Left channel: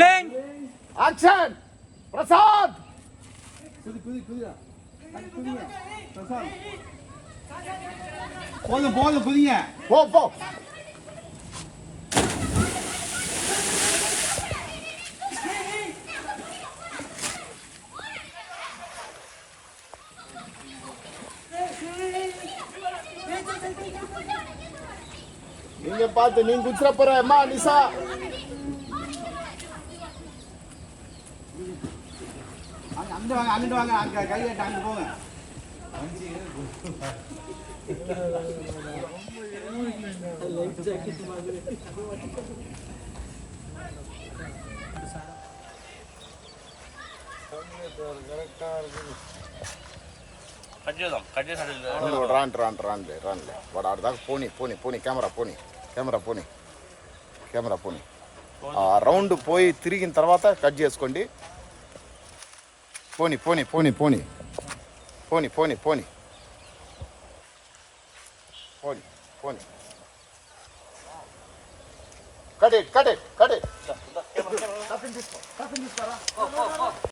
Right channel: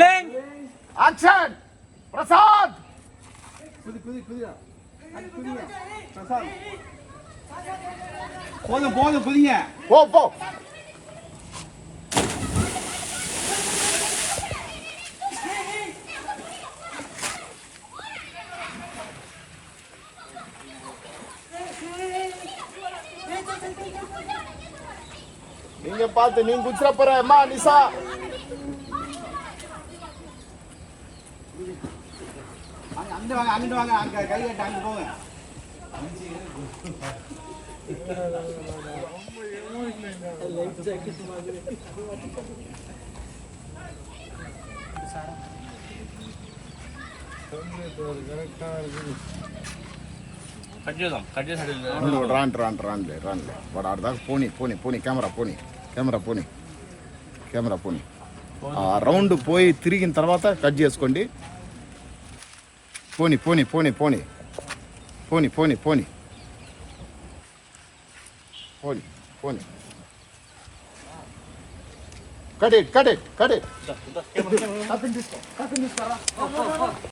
rolling action Prasad போதும் புதிங்க போ நீங்க பார்த்து நீங்க குச்சிர போற அம்மா நிசா அங்கிட்டு வாங்க அங்க கை கட்ட அங்கிட்டு போங்க పోనీ కెమెరా పోనీ రౌండ్ పోయి తిరిగిన తర్వాత కట్ చేసుకోండి పోనీ కట్ ఇట్